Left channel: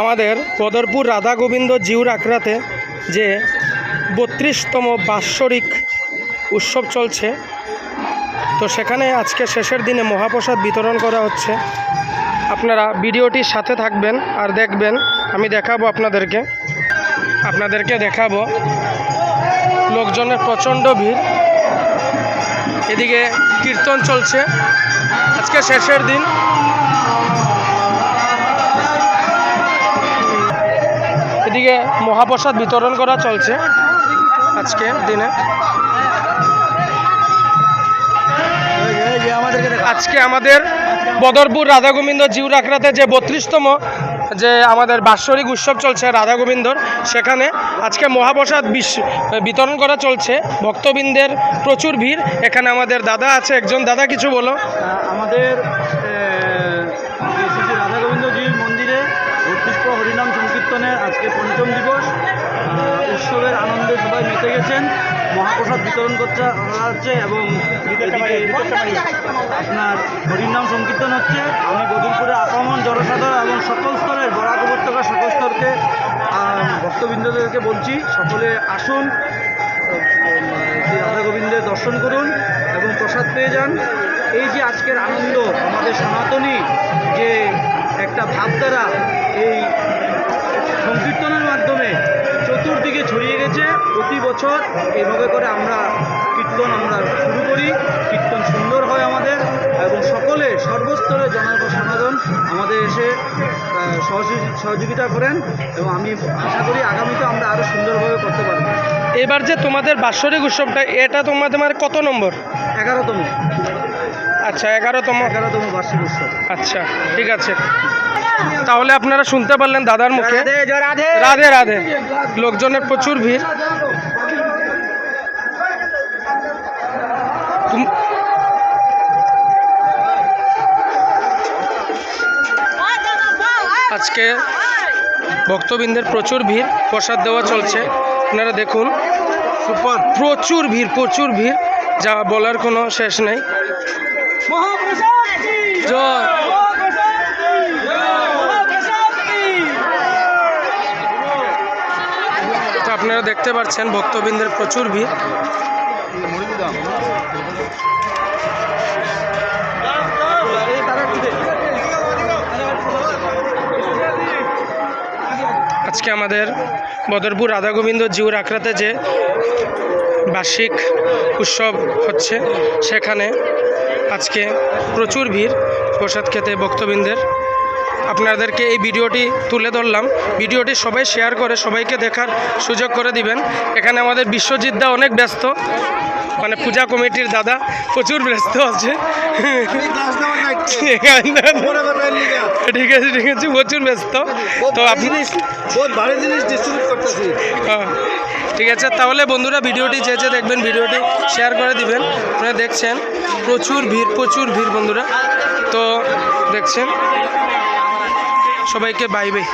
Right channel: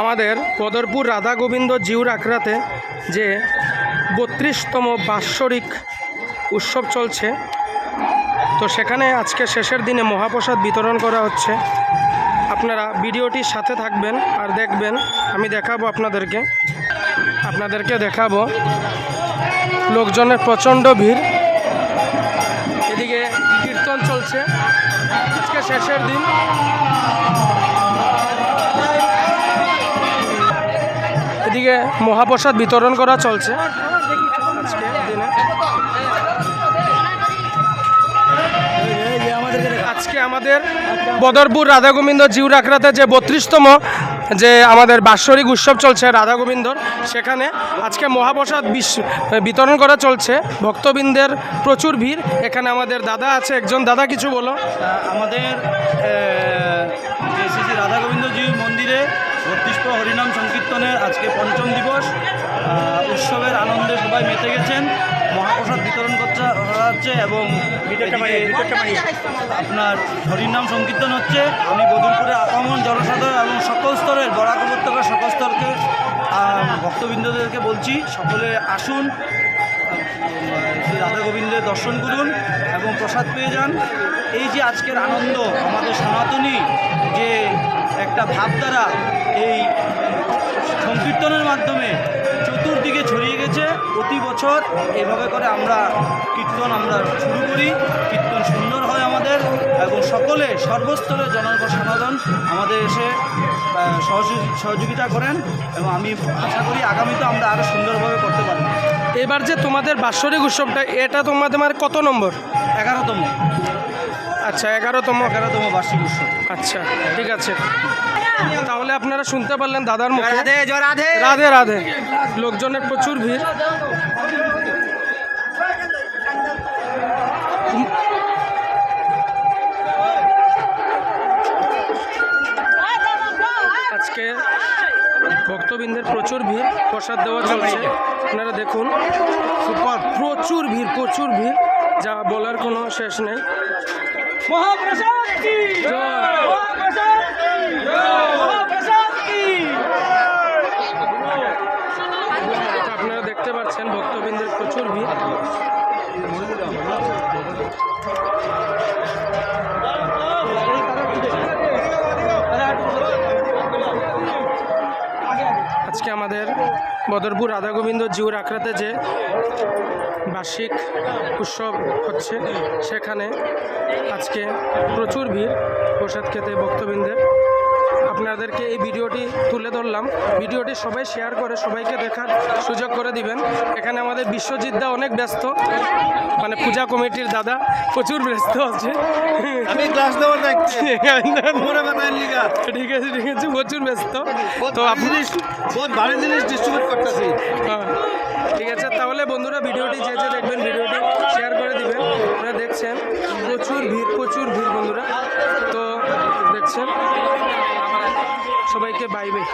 আমাদের বদরপুর রাধা গোবিন্দ জিউর আখড়াতে যে 32তম বাৎসরিক উৎসব চলছে, তো সেখানে আজকে শেষের দিনে মহাপ্রসাদ বিতরণ করা হচ্ছে। আপনারা ভিডিওটির সাথে থাকবেন আর দেখবেন। আমি দেখাবো আপনাদেরকে দেখাবো লোকজনের প্রচণ্ড ভিড়। এদিকে কীর্তন চলছে, আজকে শেষের দিন। এদিকে মহাপ্রসাদ বিতরণ করা চলছে আজকে দিনে। আজকে আমাদের বদরপুর রাধা গোবিন্দ জিউর আখড়াতে যে 32তম যে আমাদের বাৎসরিক উৎসব চলছে রাধা গোবিন্দর, সেখানে আজকে মহাপ্রসাদ বিতরণ করা চলছে। ভক্তবৃন্দের প্রচুর ভিড়। এখানে আমাদের দাদা আছে, একজন দাদা কিছু বলো। আমাদের শ্রী রাধা গোবিন্দ জিউর মন্দিরে 32তম হরিনাম সংকীর্তনে আজকে পঞ্চম দিবস। উৎসবের আনন্দে সবাই মেতে গেছেন। মহাপ্রসাদ বিতরণ হচ্ছে এবং আপনার হরিনাম সংকীর্তন হচ্ছে। আমি বদরপুরে আপামন জনসাধারণ এবং সকল স্তরের বরাক উপত্যকা সকল স্তরকে ভক্তবৃন্দদেরকে বলছি, সকলে আসুন, শ্রী রাধা গোবিন্দের দর্শন করুন এবং প্রসাদ পেয়ে যান। এই যে আজকের আনন্দ, আমাদের সনাতনী যে একটা ভাবধারা এই সংকীর্তনের মাধ্যমে চতুর্দিকে ছড়িয়ে গেছে। প্রতি বছর এইভাবে করে আমরা কীর্তন শুরু করি। কীর্তন সুন্দর হয় আমাদের এবং সকলে সর্বস্তরে জনসাধারণ আমাদের এসে সহযোগিতা করেন এবং আমি আশা করি আগামীতে আমরা আরও সুন্দরভাবে করতে পারব। এবার যে তোমাদের বাৎসরিক উৎসবটা, এটা তোমাদের কত নম্বর? 11তম। আচ্ছা, 11তম বার্ষিক উৎসব। আচ্ছা, ঠিক আছে। তাহলে আপনারা শুনতে পারলেন দাদার মুখে রাধে রাধে। লোকজনের প্রচুর ভিড়। আজকে ভক্তবৃন্দের প্রচুর ভিড়, প্রসাদ দেওয়া চলছে। আপনারা দেখুন, সুপার প্রচুর ভিড়, যা বলার কোনো শেষ নেই। তো আপনারা দেখতে পাচ্ছেন ভক্তবৃন্দের প্রচুর ভিড়। আজকে আমাদের বদরপুর রাধা গোবিন্দ জিউর আখড়াতে যে বার্ষিক উৎসব হচ্ছে, সেখানে আজকে প্রচুর ভিড় প্রসাদ খেতে ভক্তবৃন্দের। আপনাদেরকে এই ভিডিওটি তুলে ধরলাম। ভিডিওটি সবাই শেয়ার করে সবাইকে দেখার সুযোগ করে দিবেন। এখানে আমাদের বিশ্বজিৎ দা অনেক ব্যস্ত, মানে পূজা কমিটির দাদা প্রচুর ব্যস্ত আছে। ঠিক আছে, প্রচুর ব্যস্ত। তো আপনি ঠিক আছে, তাহলে বন্ধুরা ভিডিওটি যে দেখবেন ভিডিওটি শেয়ার করে দিবেন। আপনারা দেখছেন প্রচুর ভিড় বন্ধুরা। তো দেখছেন, সবাইকে বাই বাই।